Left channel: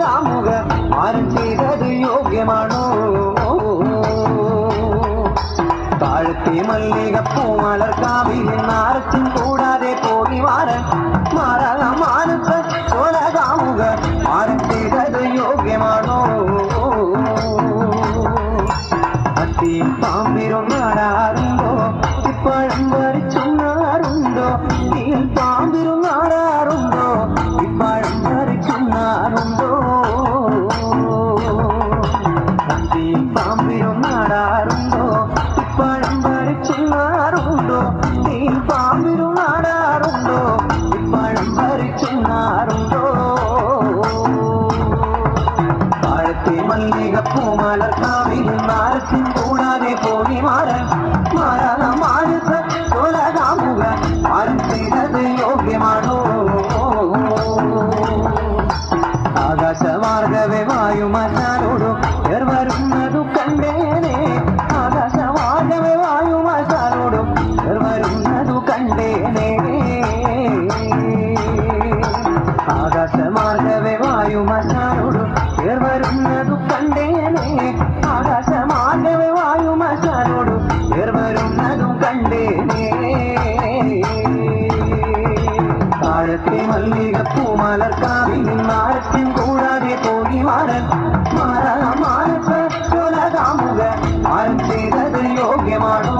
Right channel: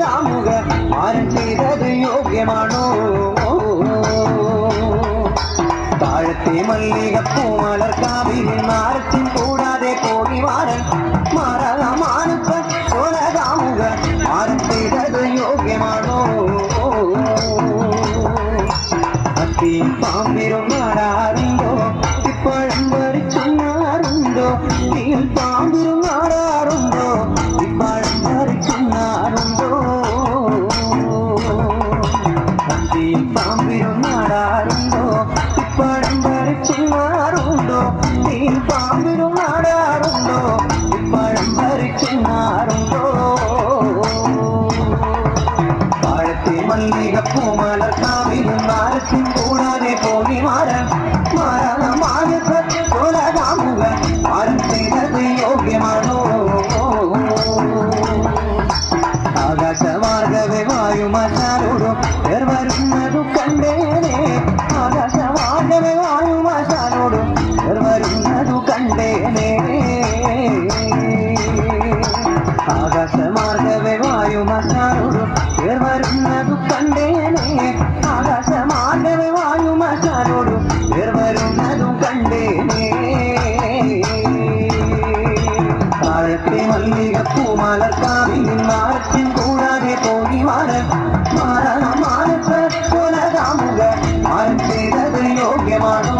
കാമുക ആരും ചെയ്തത് യോഗ്യമാണോ താഴത്തെ മല്ലികപ്പൂ മലർക്കാവിൽ നാരച്ചും കൂടാതെ പോയി മാറാൻ മാനസ കൊല കാമുക ആരും ചെയ്തത് യോഗ്യമാണോ അത്തിയും പാമ്പിരും നാടാറുണ്ടോ ഇപ്പോഴും വരച്ചുന്നാറുണ്ടോ നീയും പാമ്പിരും നാടാറുണ്ടോ ഇപ്പോഴും വരച്ചുന്നാറുണ്ടോ അത്തിയും പാമ്പിരും നാടാറുണ്ടോ ഇപ്പോഴും വരച്ചുന്നാറുണ്ടോ നീയും പാമ്പിരും നാടാറുണ്ടോ ഇപ്പോഴും വരച്ചുന്നാറുണ്ടോ താഴത്തെ മല്ലികപ്പൂ മലർക്കാവിലും നാരച്ചും കൂടാതെ പോയി മാറാൻ മാനസ കൊല കാമുക ആരും ചെയ്തത് യോഗ്യമാണോ ആകാശമാർഗവേ വായുമാശാലോടും വരുന്നതു കണ്ടേനെ ആകാശമാർഗവേ വായുമാശാലോടും വരുന്നതു കണ്ടേനെ ആകാശമാർഗവേ വായുമാശാലോടും വരുന്നതു കണ്ടേനെ ആകാശമാർഗവേ വായുമാശാലോടും വരുന്നതു കണ്ടേനെ താഴത്തെ മല്ലികപ്പൂ മലർക്കാവിൽ നാരച്ചും കൂടാതെ പോയി മാറാൻ മാനസ കൊല കാമുക ആരും ചെയ്തത് യോഗ്യമാണോ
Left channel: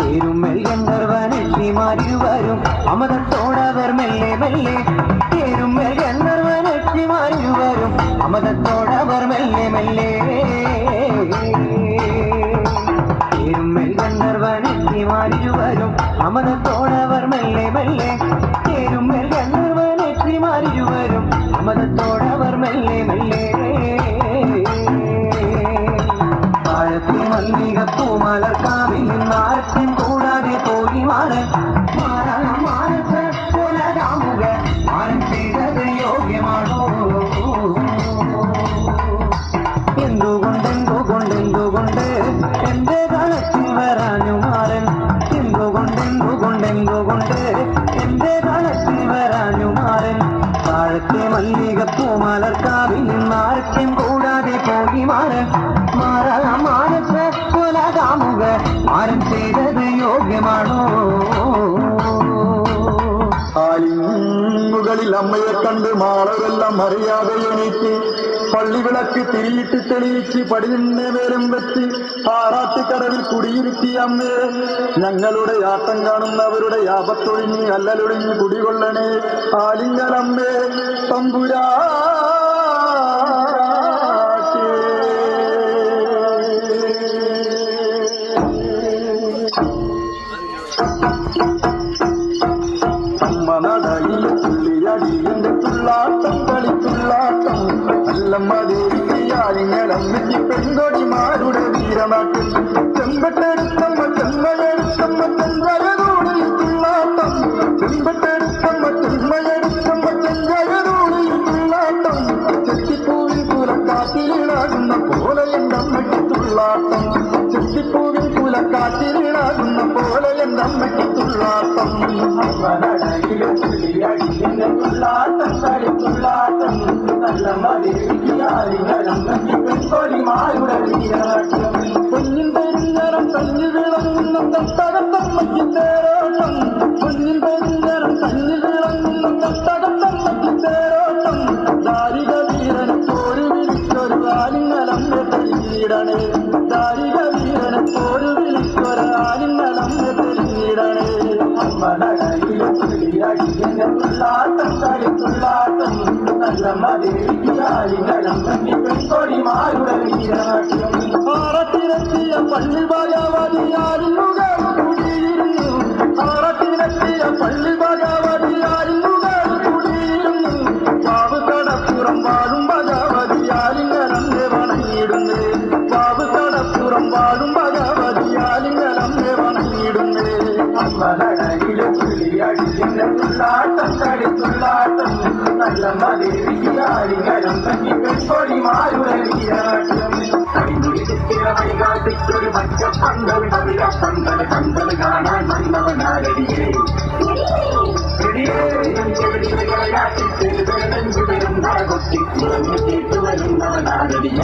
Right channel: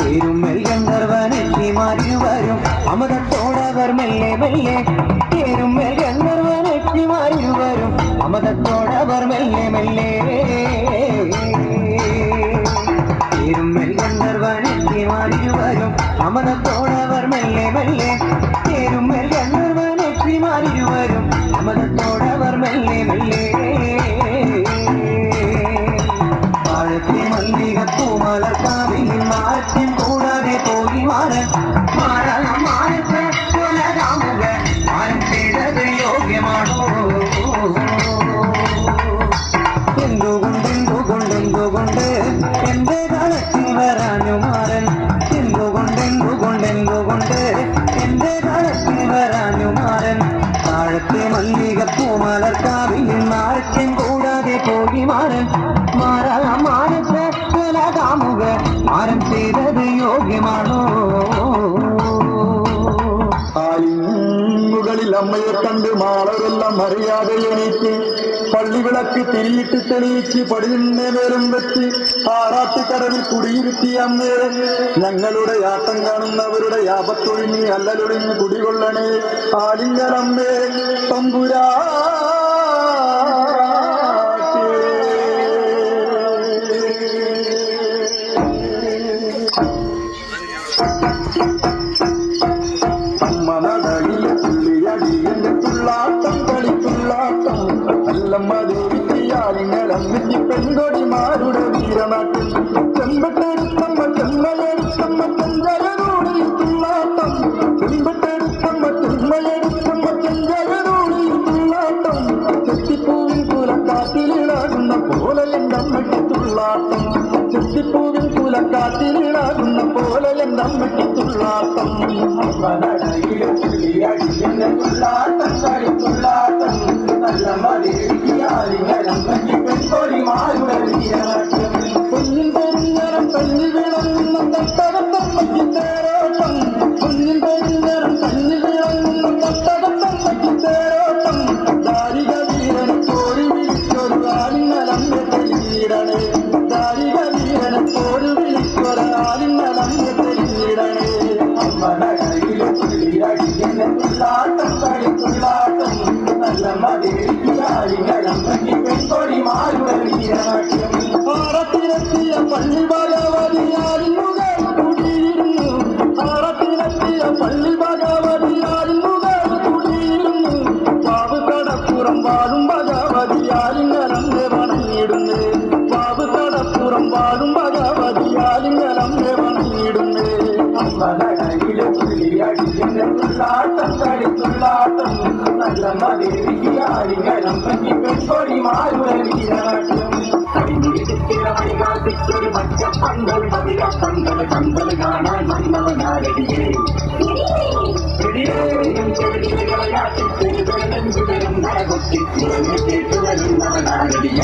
തേരുമ്മൽ ഗന്ധർവനെത്തി മാറിയുവരും അമതത്തോടവർ മെല്ലെ മെല്ലെ തേരുമ്മൽ ഗന്ധർവനെത്തി മാറിയുവരും അമതത്തോടവർ മെല്ലെ മെല്ലെ തേരുമ്മൽ ഗന്ധർവനെത്തി മാറിയുവരും അമതത്തോടവർ മെല്ലെ മെല്ലെ തേരുമ്മൽ ഗന്ധർവനെത്തി മാറിയുവരും അമതത്തോടവർ മെല്ലെ മെല്ലെ താഴത്തെ മല്ലികപ്പൂ മലർക്കാവിൽ നാരച്ചും കൂടാതെ പോയി മാറാൻ മാനസ കൊല കാമുക ആരും ചെയ്തത് യോഗ്യമാണോ എന്തുകൊണ്ട് എന്റെ കളത്തിൽ വരാഞ്ഞു മാറൻ എന്തുകൊണ്ട് എന്റെ കളത്തിൽ വരാഞ്ഞു മാറൻ താഴത്തെ മല്ലികപ്പൂ മലർക്കാവിൽ നാരച്ചും കൂടാതെ പോയി മാറാൻ മാനസ കൊല കാമുക ആരും ചെയ്തത് യോഗ്യമാണോ മുകളിൽ അമ്മയെ കണ്ട് മാളരെല്ലാം അറിയാതെ എണീറ്റ് പള്ളിവിളക്ക് തിരിയിട്ട് തെളിയിച്ച് പടിഞ്ഞെ നേരം വെച്ച് ആറാട്ടുകടവിൽ കുടിയിരുത്തി അമ്മേ ഞങ്ങളുടെ ആട്ടം കാണുന്നവരുടെ ആപത്തൊഴിഞ്ഞ് അല്ലലൊഴിഞ്ഞ് കുടികൊള്ളണേ ആലിംഗനമ്മേ തമ്പുരാ തുള്ളാട്ടം കളിത്തുള്ളാട്ടം നല്ലമ്മദേവിയാലിങ്ങളമ്മയ്ക്ക് പെൺകൊടിമാരുടെ വീരനാട്ടിൽ ചെമ്പട്ടെടുത്തമ്മ ചെന്മയെടുത്തമ്മ ചെഞ്ചയനോടിൽ തുള്ളാട്ടം ചെമ്പട്ടെടുത്തമ്മ ചെന്മയെടുത്തമ്മ ചെഞ്ചയനോടിൽ തുള്ളാട്ടം ചെത്തിപ്പൂവിൽ കുലക്കാറ്റിലിളകുന്ന പോലെ എൻ്റെ അമ്മയ്ക്ക് തുള്ളാട്ടം ചെത്തിപ്പൂവിൽ കുലക്കാറ്റിലിളകുന്ന പോലെ എൻ്റെ അമ്മയ്ക്ക് തുള്ളാട്ടം തുള്ളാട്ടം കളിത്തുള്ളാട്ടം നല്ല മതിയാലിങ്ങളമ്മയ്ക്ക് പെൺകൊടിമാരുടെ വീരനാട്യം പൊന്നിൻ പെരുന്നരം കഞ്ഞി വിളങ്ങുന്ന തട്ടകത്തമ്മയ്ക്ക് തേരോട്ടം പൊന്നിൻ പെരുന്നരം കഞ്ഞി വിളങ്ങുന്ന തട്ടകത്തമ്മയ്ക്ക് തേരോട്ടം ദാരിക വീരനെ കോരി വിളിച്ചൊരു ആലിങ്ങളമ്മ തെളിയിടണേ ദാരിക വീരനെ കോരി വിളിച്ചൊരു ആലിങ്ങളമ്മ തെളിയിടണേ തുള്ളാട്ടം കളിത്തുള്ളാട്ടം നല്ല മതിയാലിങ്ങളമ്മയ്ക്ക് പെൺകൊടിമാരുടെ വീരനാട്യം ആറത്തിലെത്തിയ പള്ളി ഭഗവതിയാലിനുകൾ കുടിയിരുന്നു ആറത്തിലെത്തിയ പള്ളി ഭഗവതിയാലിനുകൾ കുടിയിരുന്നു കാവ് കടപ്പുറം വാഴും ഭഗവതിയാലിങ്ങളമ്മെ വണങ്ങിയിടുന്നേ കാവ് കടപ്പുറം വാഴും ഭഗവതിയാലിങ്ങളമ്മെ വണങ്ങിയിടുന്നേ തുള്ളാട്ടം കളിത്തുള്ളാട്ടം നല്ല മതിയാലിങ്ങളമ്മയ്ക്ക് പെൺകൊടിമാരുടെ വീരനാട്യം വഴികാട്ടിച്ചൊരു പച്ചപ്പന്തൽ പന്തൽ പന്തൽ കാണാൻ വന്നവനാരടിയേ ചെടിയേ ചെടിയാട്ടിച്ച് കേട്ടു വരുന്നവനാരടിയ